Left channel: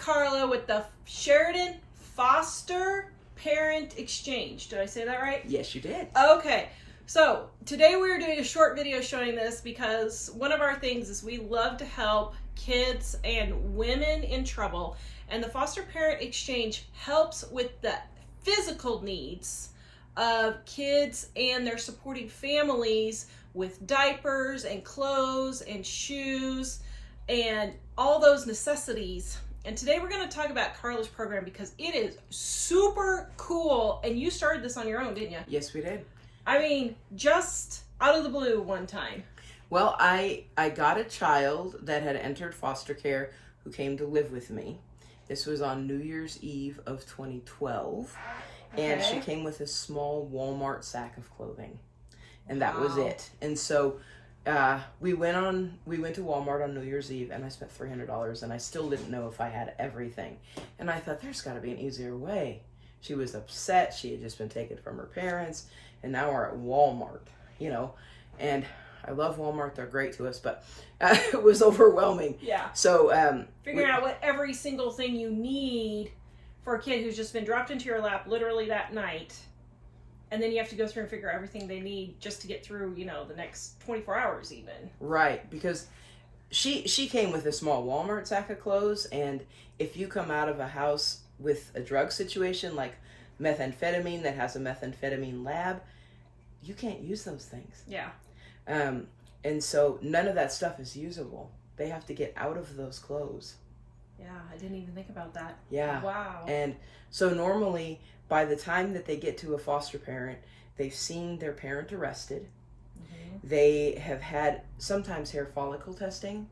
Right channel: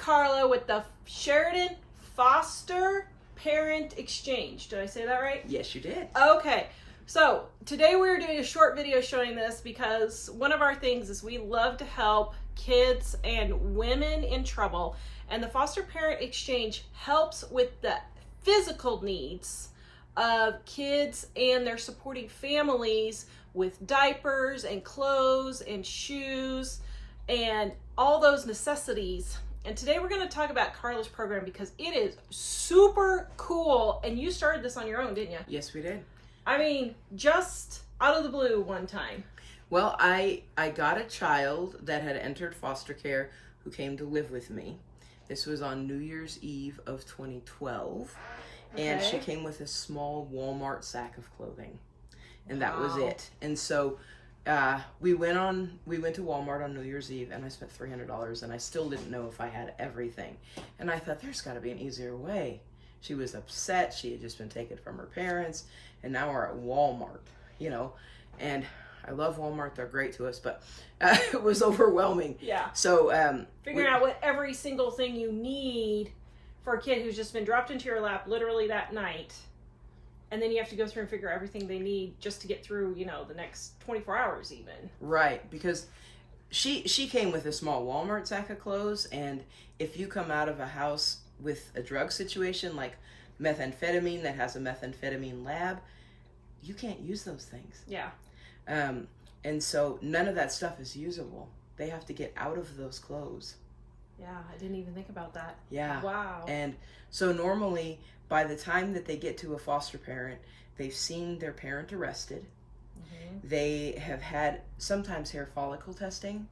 Carla with the Sheridan Foster Parent Exchange. Did I say that right? Yes, you did. Okay. So today we're doing a short video showing this because one of our things is we love to help kids and women in trouble. And the Foster Parent Exchange helps with the physical needs of kids and their supporting families with diapers and clothes and shoes and all those necessities. And today we're going to talk about Carla's program because it is super cool. And you started this on your own, didn't you? Yes, we did. I mean, just out of the blue one time. Well, I got a child that had entered foster care who came to live with me. This was on New Year's Eve of 2012. And she came with a small Walmart sack of clothing. And that was it. And so we went to Walmart on New Year's Eve and I spent $300 and I still didn't know if I had everything. And I thought there's got to be an easier way. She was upset. She had just been taken from her parents and now we're at Walmart, you know, and I love Walmart. They're great to us, but it was overwhelming. Yeah. So figuring out what every single thing you need for a kid who's just been dropped into your lap literally that night. And then you have to go through and figure out everything they need just to get through, you know, the next 24 hours even. Right, because she came with a small Walmart sack of clothes, and if you come out of a house with a drug situation like methamphetamine that has a methamphetamine lab, you can't use those things. Yeah. And so none of that stuff is usable. They have to get out of those clothes. Yeah, I didn't even think about that. Yeah. Wow. And so normally, by the time that they get to a foster parent, they've seen their parent arrested. Mm-hmm. They have had sometimes hair follicle testing.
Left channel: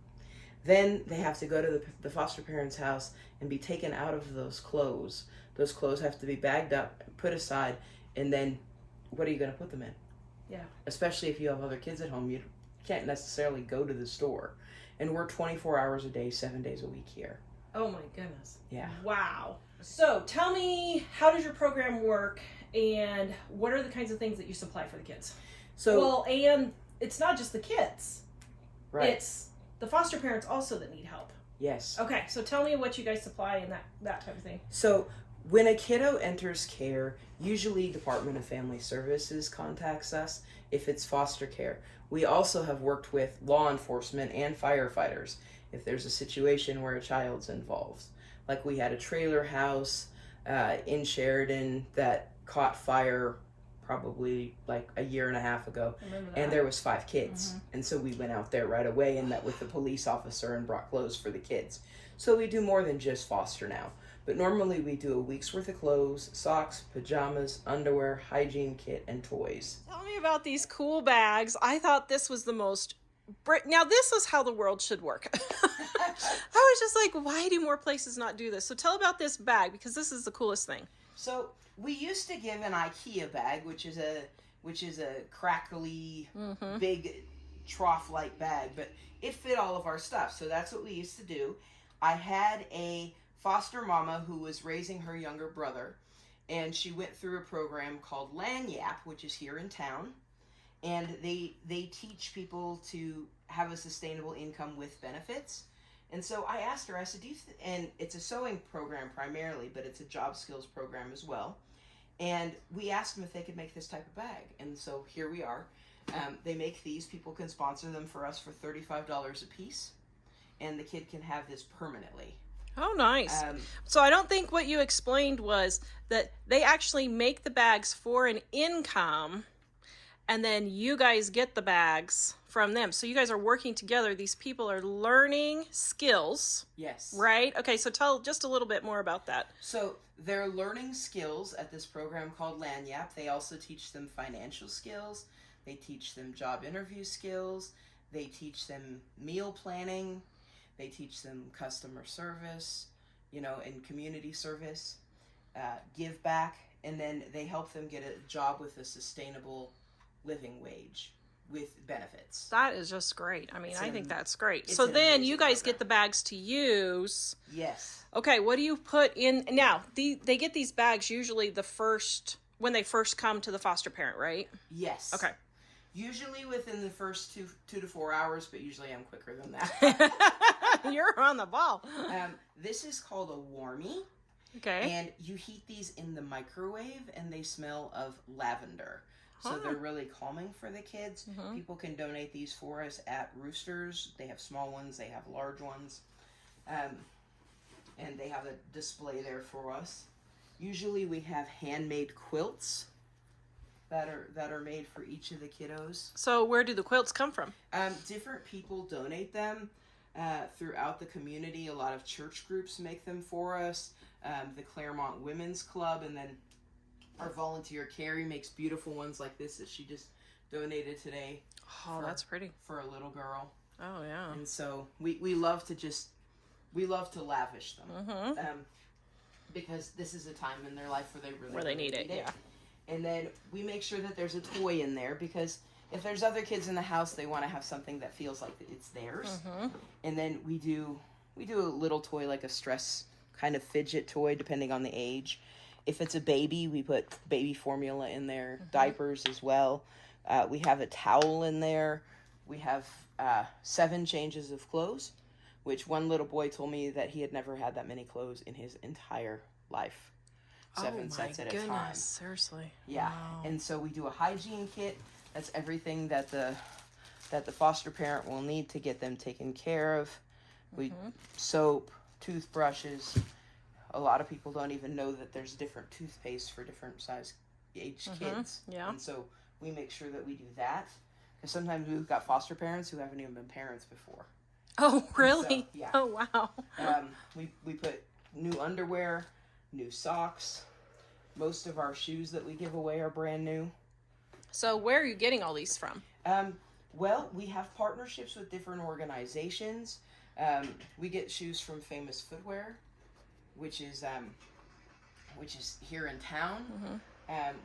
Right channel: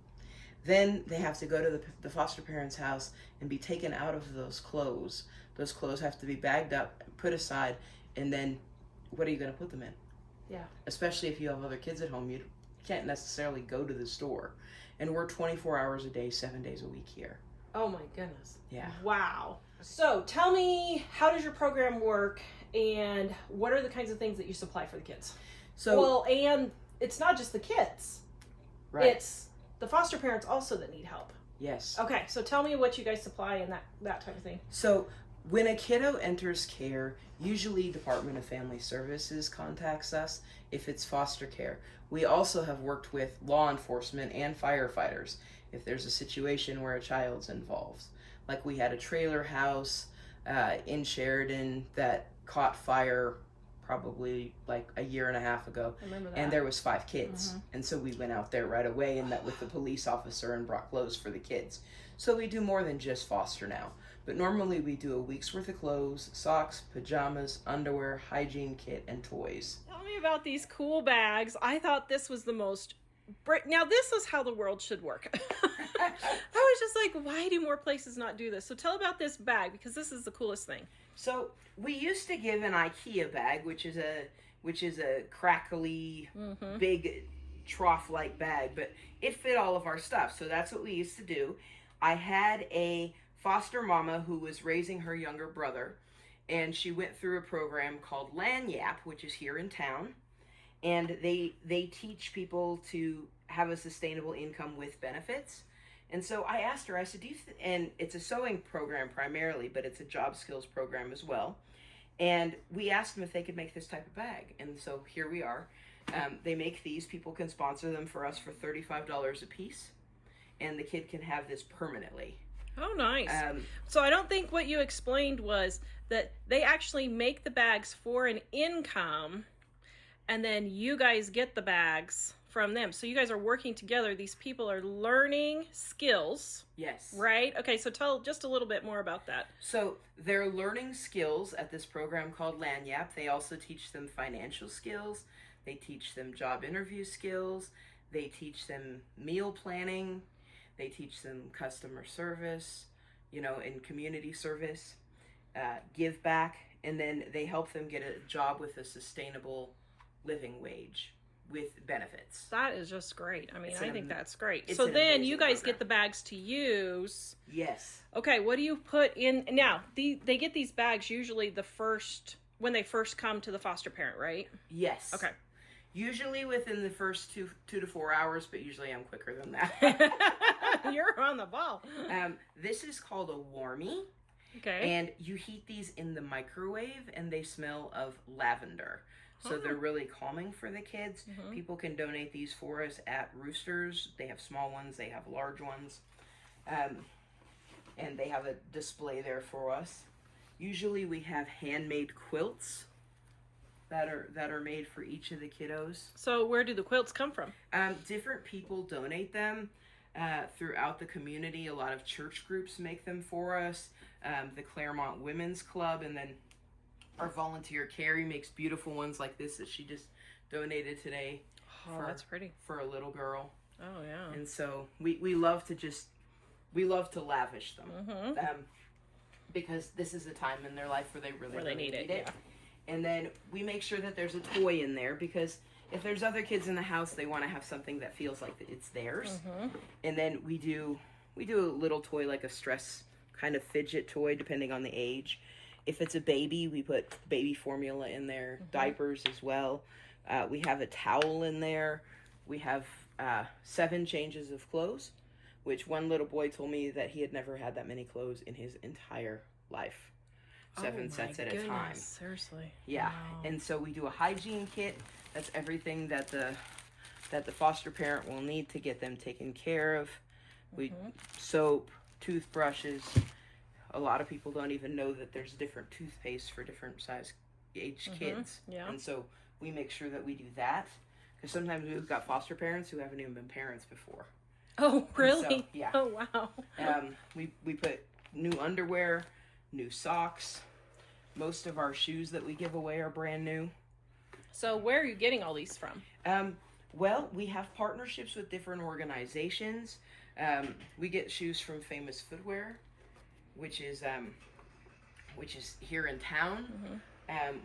Then they have to go to the foster parent's house and be taken out of those clothes. Those clothes have to be bagged up, put aside, and then what are you going to put them in? Yeah. Especially if you have other kids at home, you can't necessarily go to the store. And we're 24 hours a day, 7 days a week here. Oh my goodness. Yeah. Wow. So tell me, how does your program work and what are the kinds of things that you supply for the kids? So, well, and it's not just the kids. Right. It's the foster parents also that need help. Yes. Okay, so tell me what you guys supply and that type of thing. So when a kiddo enters care, usually Department of Family Services contacts us if it's foster care. We also have worked with law enforcement and firefighters if there's a situation where a child's involved. Like we had a trailer house in Sheridan that caught fire probably like a year and a half ago. And there was 5 kids. Mm-hmm. And so we went out there right away and met with the police officer and brought clothes for the kids. So we do more than just foster now. But normally we do a week's worth of clothes, socks, pajamas, underwear, hygiene kit, and toys. Tell me about these cool bags. I thought this was the most... Now this is how the world should work. I was just like, why do more places not do this? So tell about this bag because this is the coolest thing. So we used to give an IKEA bag, which is a crackly, big trough-like bag, but it fit all of our stuff. So that's what we used to do. I had a foster mama who was raising her younger brother, and she went through a program called Lanyap, which is here in town. And they teach people to have a sustainable income with benefits. And so I asked her, I said, and it's a sewing program primarily, but it's a job skills program as well. And we asked them if they could make this type of bag. And so here we are. They make these. People can sponsor them for us for $35 a piece. And the kid can have this permanently. Oh, nice. So I don't think what you explained was that they actually make the bags for an income. And then you guys get the bags from them. So you guys are working together. These people are learning skills. Yes. Right? Okay, so tell just a little bit more about that. So they're learning skills at this program called Lanyap. They also teach them financial skills. They teach them job interview skills. They teach them meal planning. They teach them customer service, you know, and community service, give back. And then they help them get a job with a sustainable living wage with benefits. That is just great. I mean, I think that's great. It's So an then you guys program. get the bags to use. Yes. Okay, what do you put in? Now, they get these bags usually when they first come to the foster parent, right? Yes. Okay. Usually within the first 2 to 4 hours, but usually I'm quicker than that. You're on the ball. This is called a warmie. Okay. And you heat these in the microwave and they smell of lavender. So they're really calming for the kids. People can donate these for us at Roosters. They have small ones, they have large ones. And they have a display there for us. Usually we have handmade quilts that are made for each of the kiddos. So where do the quilts come from? Different people donate them throughout the community. A lot of church groups make them for us. The Claremont Women's Club, and then our volunteer Carrie makes beautiful ones like this that she just donated today. Oh, that's pretty. For a little girl. Oh, yeah. And so we love to lavish them. Because this is a time in their life where they really need it. Yeah. And then we make sure that there's a toy in there, because if there's other kids in the house, they want to have something that feels like it's theirs. And then we do a little toy, like a stress kind of fidget toy, depending on the age. If it's a baby, we put baby formula in there, diapers as well. We have a towel in there. We have 7 changes of clothes, which one little boy told me that he had never had that many clothes in his entire life. 7 sets at a time. Seriously. Yeah. Wow. And so we do a hygiene kit. That's everything that the foster parent will need to get them taken care of. We soap, toothbrushes. A lot of people don't even know that there's different toothpaste for different size age kids. Yeah. And so we make sure that we do that. Because sometimes we've got foster parents who haven't even been parents before. Oh, really? So, yeah. Oh, wow. We put new underwear, new socks. Most of our shoes that we give away are brand new. So where are you getting all these from? Well, we have partnerships with different organizations. We get shoes from Famous Footwear, which is here in town.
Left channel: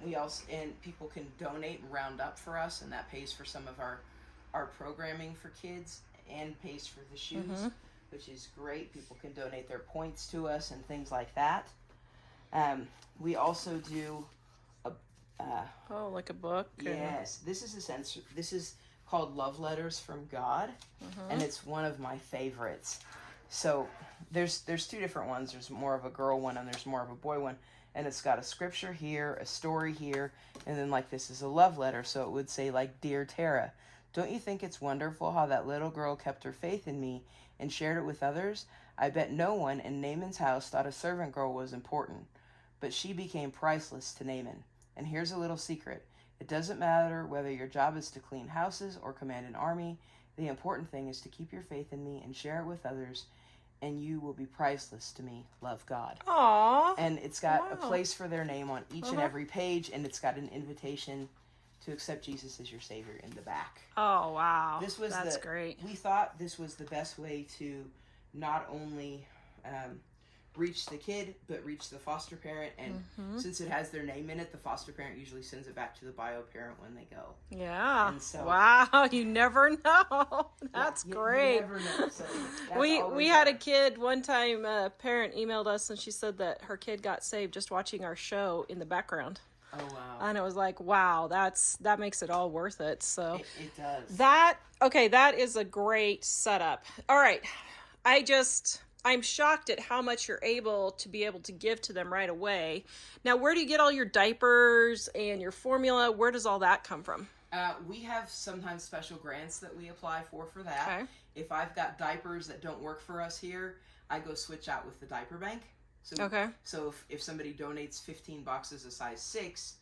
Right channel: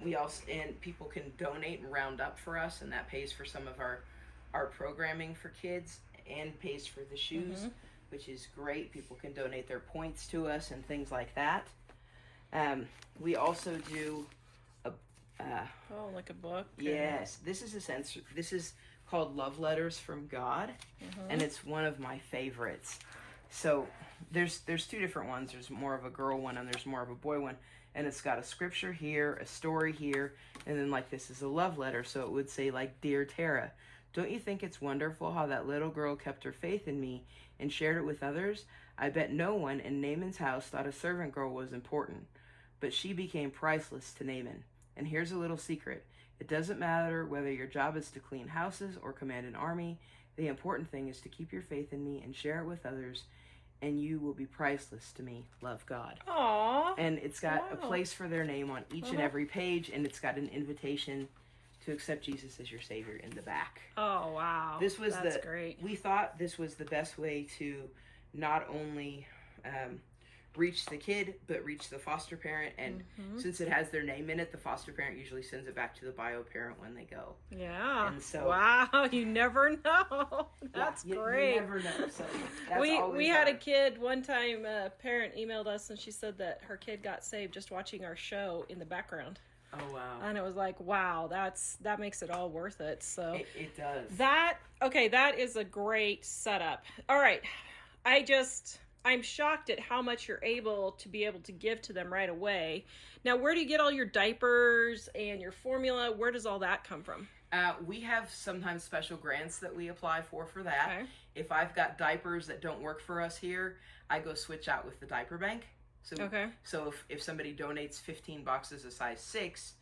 We also, and people can donate and round up for us, and that pays for some of our programming for kids and pays for the shoes, which is great. People can donate their points to us and things like that. We also do like a book? Yes, this is called Love Letters from God, and it's one of my favorites. So there's 2 different ones. There's more of a girl one and there's more of a boy one, and it's got a scripture here, a story here, and then like this is a love letter. So it would say like, "Dear Tara, don't you think it's wonderful how that little girl kept her faith in me and shared it with others? I bet no one in Naaman's house thought a servant girl was important, but she became priceless to Naaman. And here's a little secret. It doesn't matter whether your job is to clean houses or command an army. The important thing is to keep your faith in me and share it with others, and you will be priceless to me. Love, God." Aww. And it's got a place for their name on each and every page, and it's got an invitation to accept Jesus as your Savior in the back. Oh, wow. That's great. We thought this was the best way to not only reach the kid, but reach the foster parent. And since it has their name in it, the foster parent usually sends it back to the bio parent when they go. Yeah. And so, wow, you never know. That's great. You never know. So we had a kid one time, a parent emailed us and she said that her kid got saved just watching our show in the background. Oh, wow. And it was like, wow, that makes it all worth it. So it does. That is a great setup. All right. I'm shocked at how much you're able to give to them right away. Now, where do you get all your diapers and your formula? Where does all that come from? We have sometimes special grants that we apply for that. Okay. If I've got diapers that don't work for us here, I go switch out with the diaper bank. So if somebody donates 15 boxes of size 6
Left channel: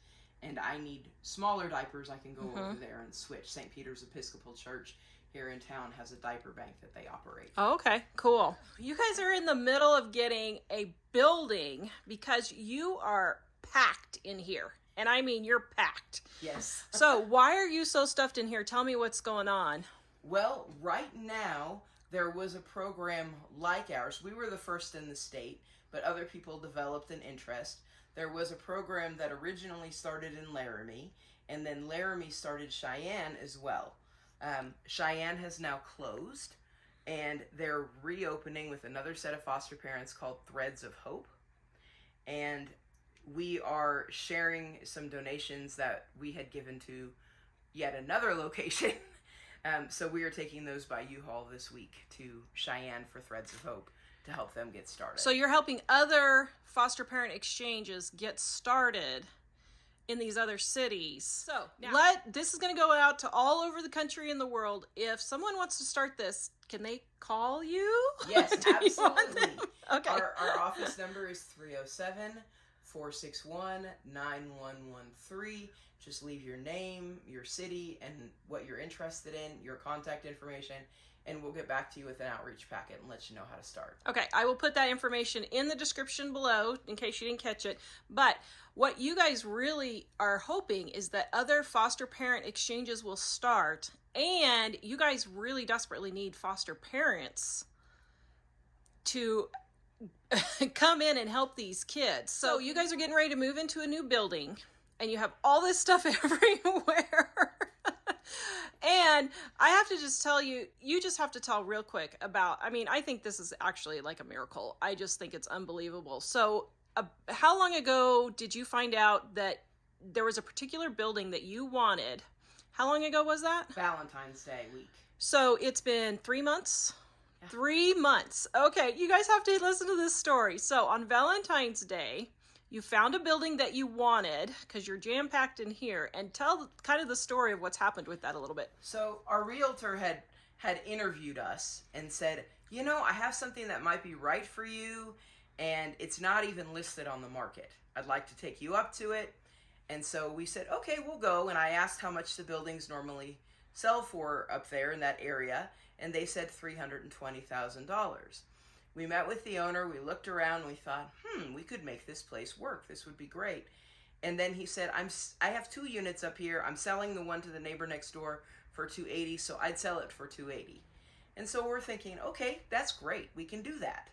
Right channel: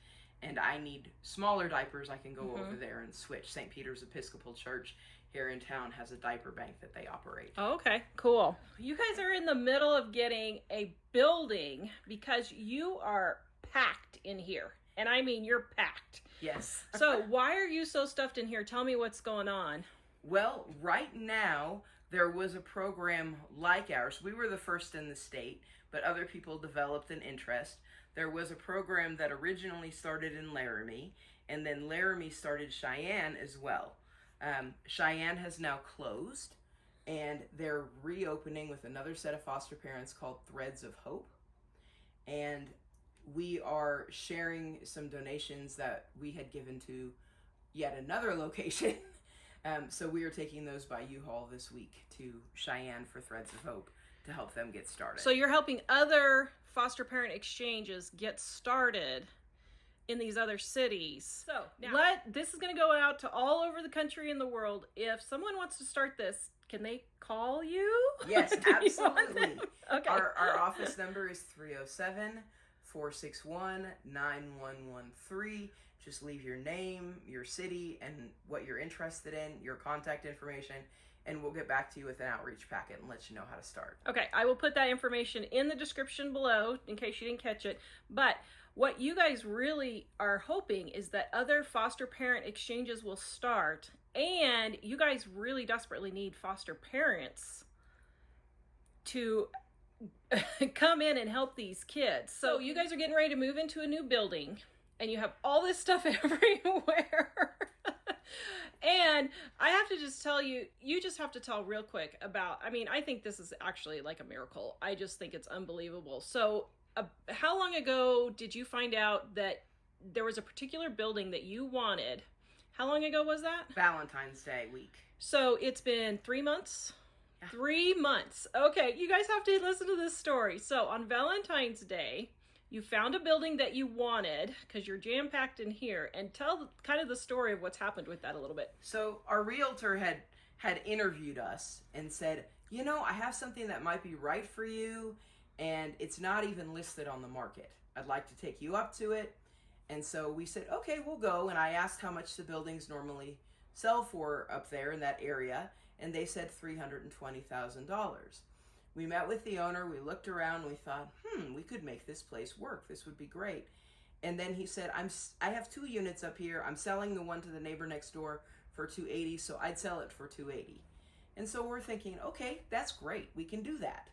and I need smaller diapers, I can go over there and switch. St. Peter's Episcopal Church here in town has a diaper bank that they operate. Oh, okay, cool. You guys are in the middle of getting a building because you are packed in here. And I mean, you're packed. Yes. So why are you so stuffed in here? Tell me what's going on. Well, right now, there was a program like ours. We were the first in the state, but other people developed an interest. There was a program that originally started in Laramie, and then Laramie started Cheyenne as well. Cheyenne has now closed, and they're reopening with another set of foster parents called Threads of Hope. And we are sharing some donations that we had given to yet another location So we are taking those by U-Haul this week to Cheyenne for Threads of Hope to help them get started. So you're helping other foster parent exchanges get started in these other cities. So now, this is going to go out to all over the country and the world. If someone wants to start this, can they call you? Yes, absolutely. Okay. Our office number is 307-461-9113. Just leave your name, your city, and what you're interested in, your contact information, and we'll get back to you with an outreach packet and let you know how to start. Okay, I will put that information in the description below in case you didn't catch it. But what you guys really are hoping is that other foster parent exchanges will start, and you guys really desperately need foster parents to come in and help these kids. So you guys are getting ready to move into a new building, and you have all this stuff everywhere. And I have to just tell you, you just have to tell real quick about, I mean, I think this is actually like a miracle. I just think it's unbelievable. So how long ago did you find out that there was a particular building that you wanted? How long ago was that? Valentine's Day week. So it's been 3 months? 3 months. Okay, you guys have to listen to this story. So on Valentine's Day, you found a building that you wanted because you're jam-packed in here, and tell kind of the story of what's happened with that a little bit. So our realtor had interviewed us and said, you know, I have something that might be right for you, and it's not even listed on the market. I'd like to take you up to it. And so we said, okay, we'll go. And I asked how much the buildings normally sell for up there in that area, and they said $320,000. We met with the owner, we looked around, we thought, we could make this place work. This would be great. And then he said, I have 2 units up here. I'm selling the one to the neighbor next door for $280, so I'd sell it for $280. And so we're thinking, okay, that's great. We can do that.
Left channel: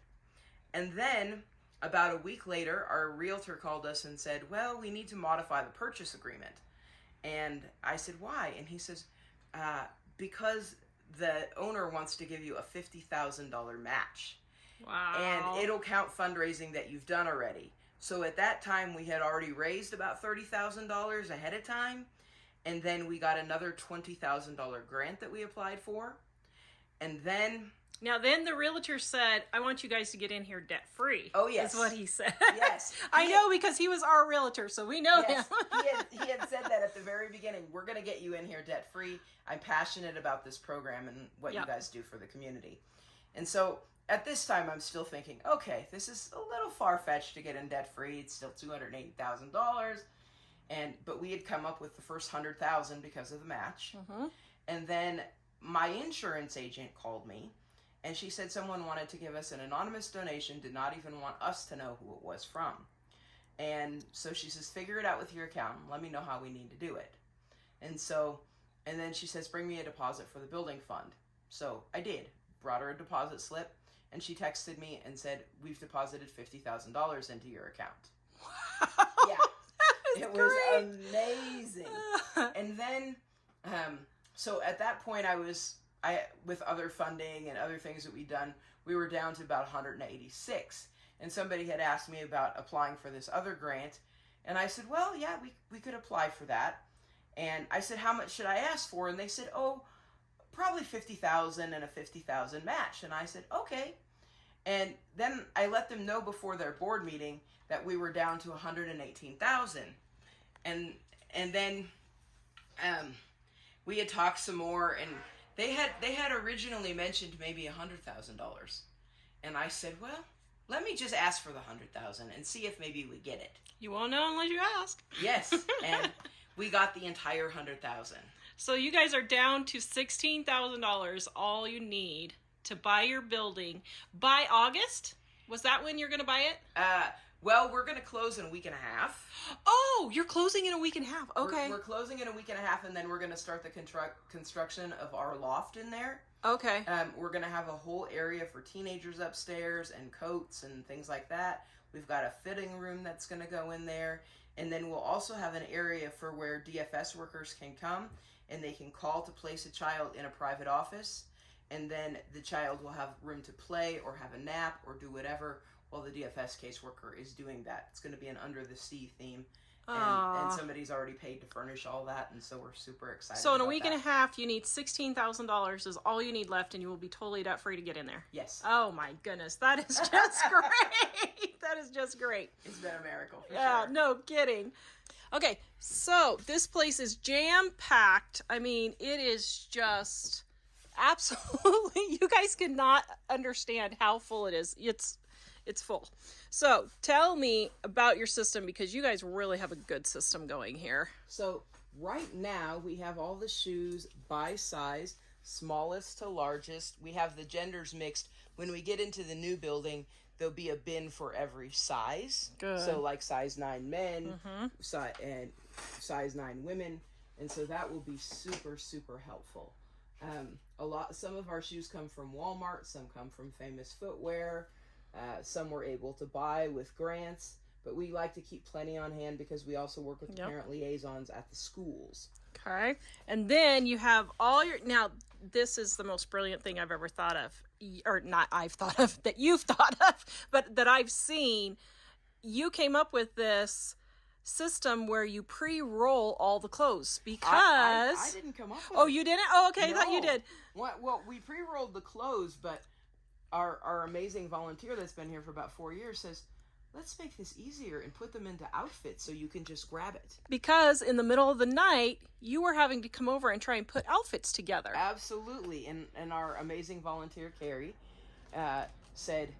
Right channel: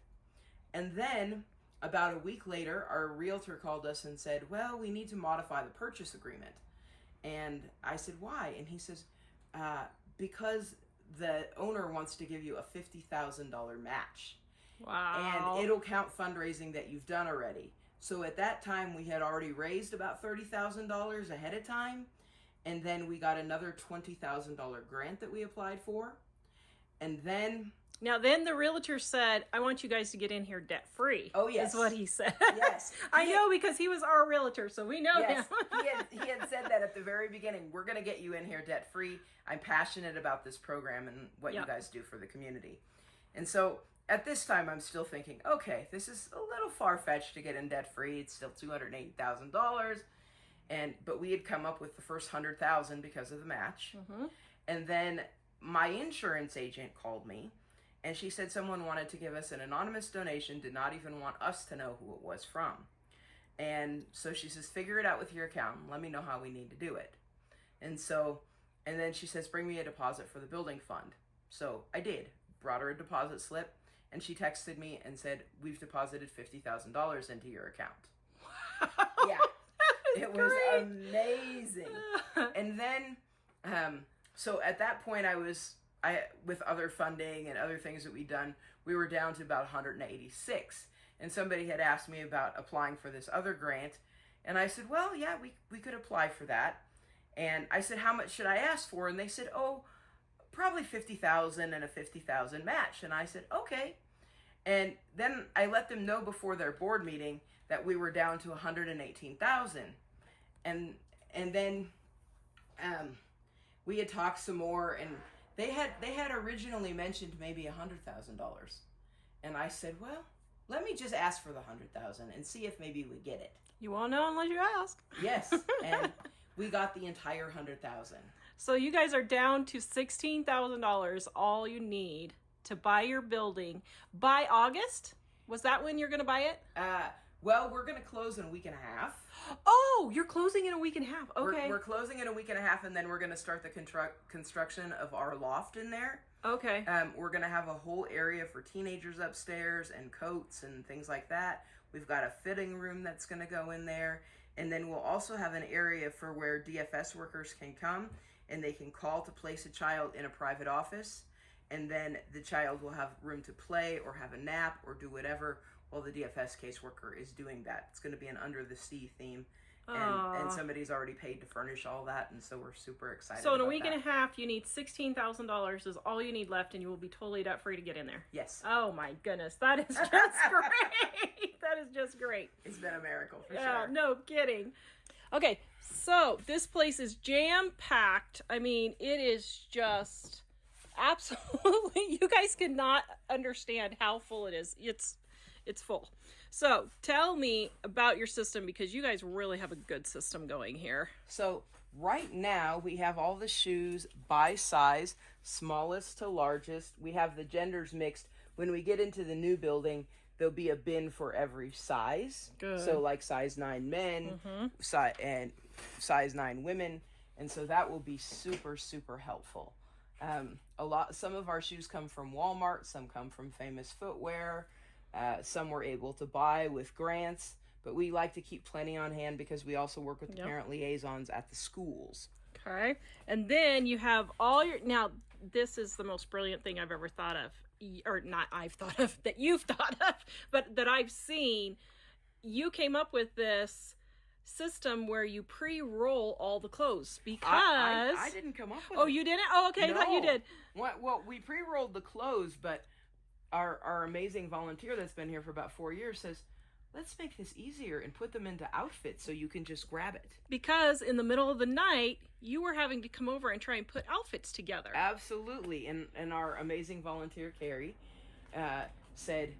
And then about a week later, our realtor called us and said, well, we need to modify the purchase agreement. And I said, why? And he says, because the owner wants to give you a $50,000 match. Wow. And it'll count fundraising that you've done already. So at that time, we had already raised about $30,000 ahead of time. And then we got another $20,000 grant that we applied for. And then... Now, then the realtor said, I want you guys to get in here debt-free. Oh, yes. Is what he said. Yes. I know because he was our realtor, so we know him. He had said that at the very beginning. We're going to get you in here debt-free. I'm passionate about this program and what you guys do for the community. And so... at this time, I'm still thinking, okay, this is a little far-fetched to get in debt-free. It's still $280,000, but we had come up with the first $100,000 because of the match. Mm-hmm. And then my insurance agent called me, and she said someone wanted to give us an anonymous donation, did not even want us to know who it was from. And so she says, figure it out with your accountant. Let me know how we need to do it. And then she says, bring me a deposit for the building fund. So I did. Brought her a deposit slip. And she texted me and said, we've deposited $50,000 into your account. Yeah. It was amazing. And then, so at that point with other funding and other things that we'd done, we were down to about 186. And somebody had asked me about applying for this other grant. And I said, well, yeah, we could apply for that. And I said, how much should I ask for? And they said, probably $50,000 and a $50,000 match. And I said, okay. And then I let them know before their board meeting that we were down to $118,000. And then we had talked some more, and they had originally mentioned maybe $100,000. And I said, well, let me just ask for the $100,000 and see if maybe we get it. You won't know unless you ask. Yes. And we got the entire $100,000. So you guys are down to $16,000, all you need to buy your building by August. Was that when you're going to buy it? Well, we're going to close in a week and a half. Oh, you're closing in a week and a half. Okay. We're closing in a week and a half, and then we're going to start the construction of our loft in there. Okay. We're going to have a whole area for teenagers upstairs and coats and things like that. We've got a fitting room that's going to go in there. And then we'll also have an area for where DFS workers can come and they can call to place a child in a private office. And then the child will have room to play or have a nap or do whatever while the DFS caseworker is doing that. It's going to be an under the sea theme. And somebody's already paid to furnish all that, and so we're super excited. So in a week and a half, you need $16,000 is all you need left, and you will be totally debt free to get in there. Yes. Oh my goodness, that is just great. That is just great. It's been a miracle for Yeah, sure. no kidding. Okay, so this place is jam packed. I mean, it is just absolutely. You guys cannot understand how full it is. It's full. So tell me about your system, because you guys really have a good system going here. So right now we have all the shoes by size, smallest to largest. We have the genders mixed. When we get into the new building, there'll be a bin for every size. Good. So like size 9 men, and size 9 women. And so that will be super, super helpful. Some of our shoes come from Walmart, some come from Famous Footwear. Some we're able to buy with grants, but we like to keep plenty on hand because we also work with the parent liaisons at the schools. Okay. And then you have all your, now this is the most brilliant thing I've ever thought of, or not I've thought of, that you've thought of, but that I've seen. You came up with this system where you pre-roll all the clothes because I didn't come up with Oh, it. you didn't? Oh, okay. I thought you No. did. Well, we pre-rolled the clothes, but our amazing volunteer that's been here for about 4 years says, let's make this easier and put them into outfits so you can just grab it. Because in the middle of the night, you were having to come over and try and put outfits together. Absolutely. And our amazing volunteer, Carrie, said,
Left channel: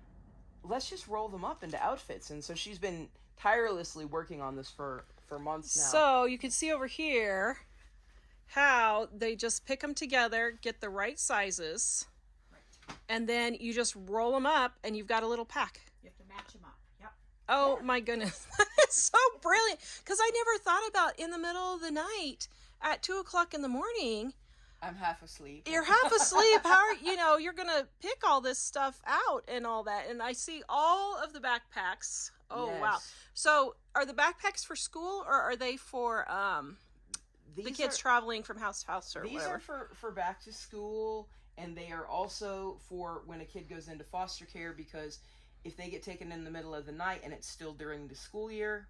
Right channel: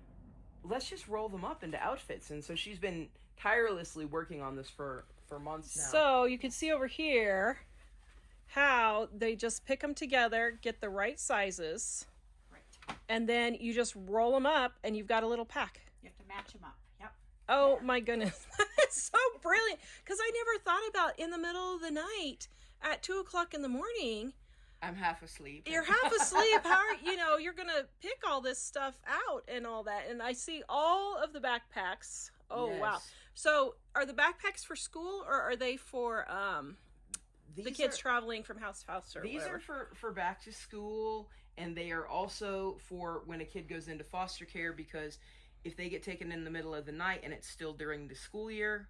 let's just roll them up into outfits. And so she's been tirelessly working on this for months now. So you can see over here how they just pick them together, get the right sizes, and then you just roll them up and you've got a little pack. You have to match them up. Yep. Oh my goodness. It's so brilliant. Because I never thought about in the middle of the night at 2 o'clock in the morning. I'm half asleep. You're half asleep. How you're going to pick all this stuff out and all that. And I see all of the backpacks. Oh, Yes. wow. So are the backpacks for school, or are they for the kids traveling from house to house or These whatever? are for back to school, and they are also for when a kid goes into foster care, because if they get taken in the middle of the night and it's still during the school year,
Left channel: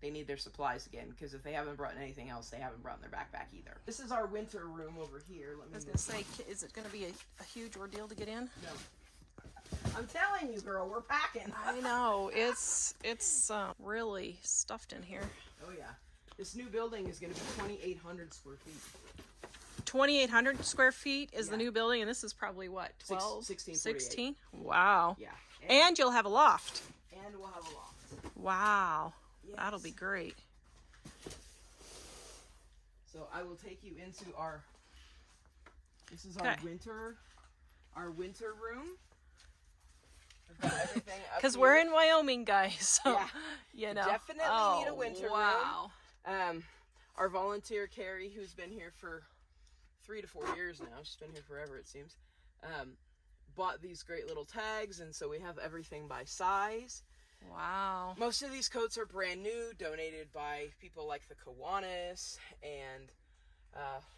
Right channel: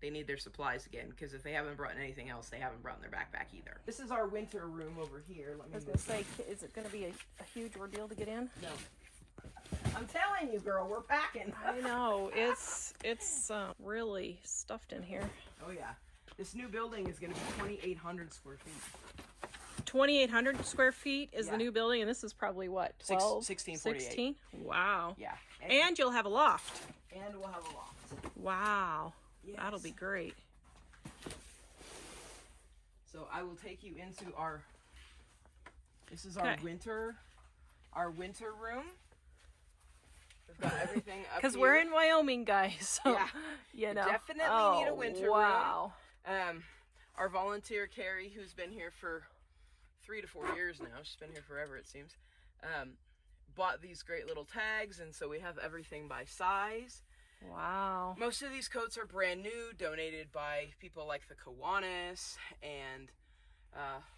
they need their supplies again, because if they haven't brought anything else, they haven't brought their backpack either. This is our winter room over here. I was going to say, is it going to be a huge ordeal to get in? No. I'm telling you, girl, we're packing. I know. It's really stuffed in here. Oh, yeah. This new building is going to be 2,800 square feet. 2,800 square feet is Yeah. the new building, and this is probably what, 12? 1648. 16? Wow. Yeah. And you'll have a loft. And we'll have a loft. Wow. Yes. That'll be great. So I will take you into this is Okay. our winter room. We've got everything up Because here. we're in Wyoming, guys. So, Yeah. you know. Definitely need a winter room. Wow. Our volunteer, Carrie, who's been here for 3 to 4 years now, she's been here forever, it seems, bought these great little tags, and so we have everything by size. Wow. Most of these coats are brand new, donated by people like the Kiwanis and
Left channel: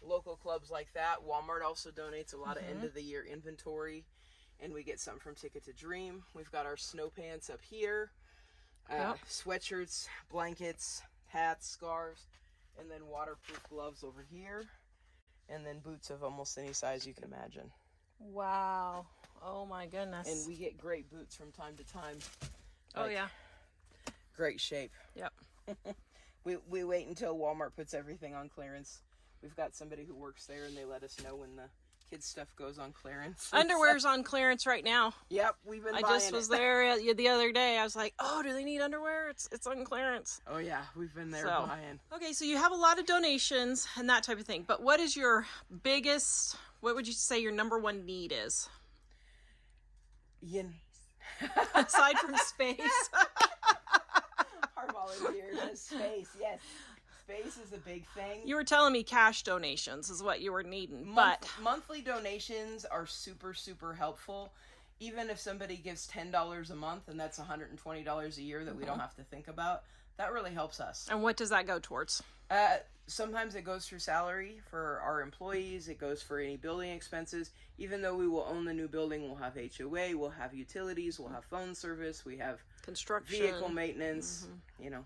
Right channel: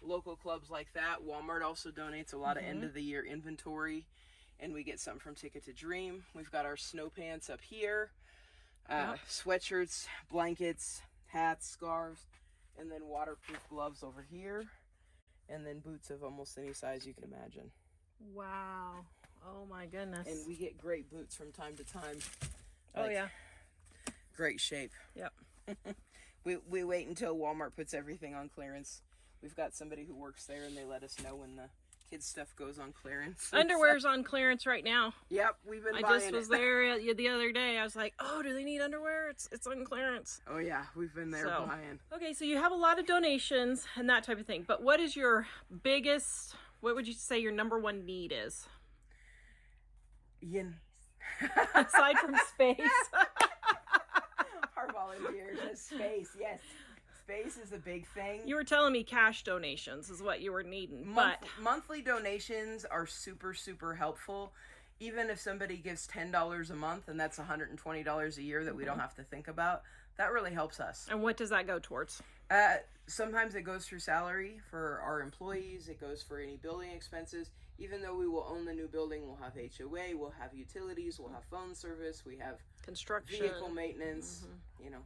local clubs like that. Walmart also donates a lot of end-of-the-year inventory, and we get some from Ticket to Dream. We've got our snow pants up here, sweatshirts, blankets, hats, scarves, and then waterproof gloves over here, and then boots of almost any size you can imagine. Wow. Oh my goodness. And we get great boots from time to time. Oh yeah. Great shape. Yep. We wait until Walmart puts everything on clearance. We've got somebody who works there, and they let us know when the kids' stuff goes on clearance. Underwear's on clearance right now. Yep, we've been I buying just was it. there the other day. I was like, oh, do they need underwear? It's on clearance. Oh yeah, we've been there So, buying. okay, so you have a lot of donations and that type of thing. But what is your biggest, what would you say your number one need is? Aside from space. Our volunteers is space, yes. Space is a big thing. You were telling me cash donations is what you were needing, but Monthly donations are super, super helpful. Even if somebody gives $10 a month, and that's $120 a year that we don't have to think about, that really helps us. and what does that go towards? Sometimes it goes through salary for our employees. It goes for any building expenses. Even though we will own the new building, we'll have HOA, we'll have utilities, we'll have phone service, we have Construction. vehicle maintenance, you know.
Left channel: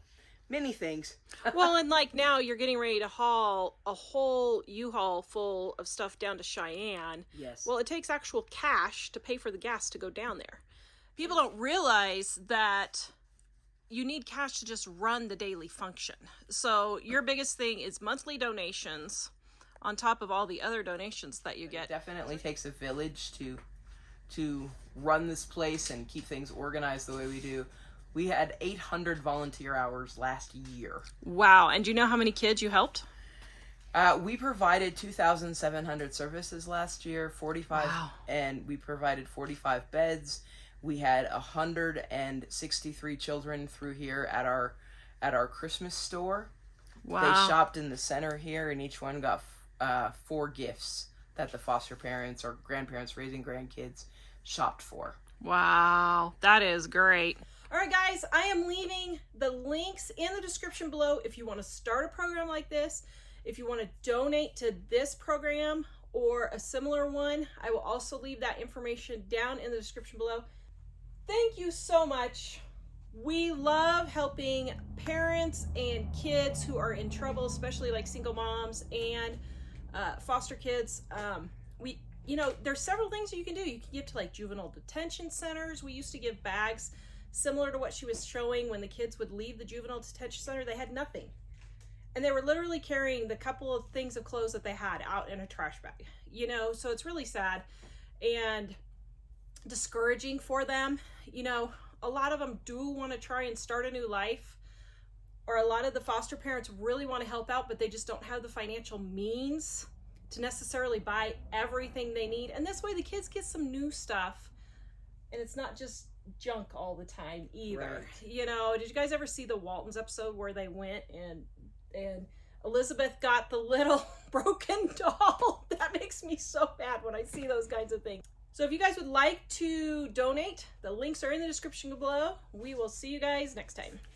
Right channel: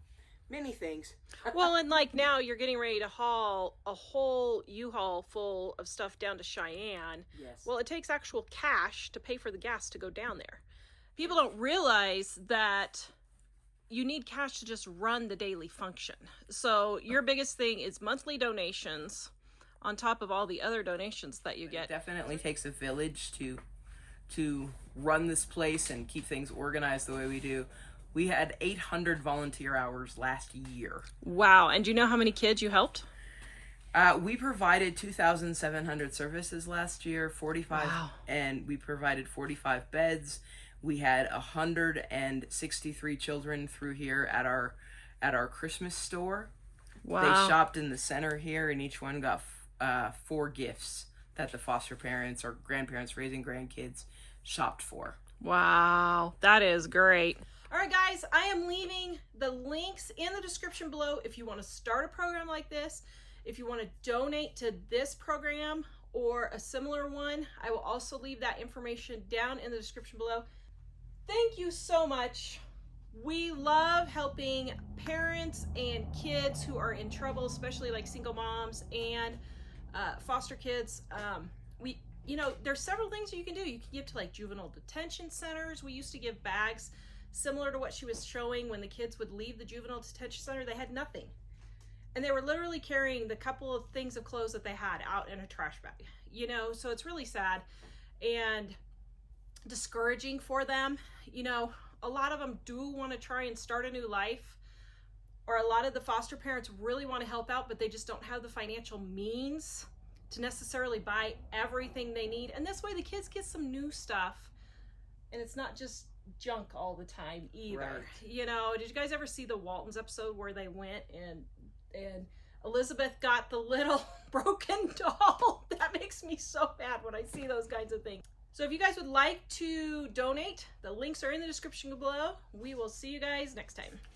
many things. Well, and like now you're getting ready to haul a whole U-Haul full of stuff down to Cheyenne. Yes. Well, it takes actual cash to pay for the gas to go down there. People don't realize that you need cash to just run the daily function. So your biggest thing is monthly donations on top of all the other donations that you get. It definitely takes a village to run this place and keep things organized the way we do. We had 800 volunteer hours last year. Wow. And do you know how many kids you helped? We provided 2,700 services last year, 45, wow. And we provided 45 beds. We had 163 children through here at our Christmas store. Wow. They shopped in the center here, and each one got 4 gifts that the foster parents or grandparents raising grandkids shopped for. Wow, that is great. All right, guys, I am leaving the links in the description below if you want to start a program like this, if you want to donate to this program or a similar one. I will also leave that information down in the description below. Thank you so much. We love helping parents and kids who are in trouble, especially like single moms and foster kids. There's several things you can do. You can give to like juvenile detention centers. We used to give bags similar to what she was showing when the kids would leave the juvenile detention center. They had nothing. And they were literally carrying the couple of things of clothes that they had out in a trash bag, so it's really sad and discouraging for them. A lot of them do want to try and start a new life, or a lot of the foster parents really want to help out, but they just don't have the financial means to necessarily buy everything they need. And this way the kids get some new stuff and it's not just junk all the time either. Right. Did you guys ever see the Waltons episode where they went and Elizabeth got the little broken doll? That makes me so bad when I see those kinds of things. So if you guys would like to donate, the links are in the description below. We will see you guys next time.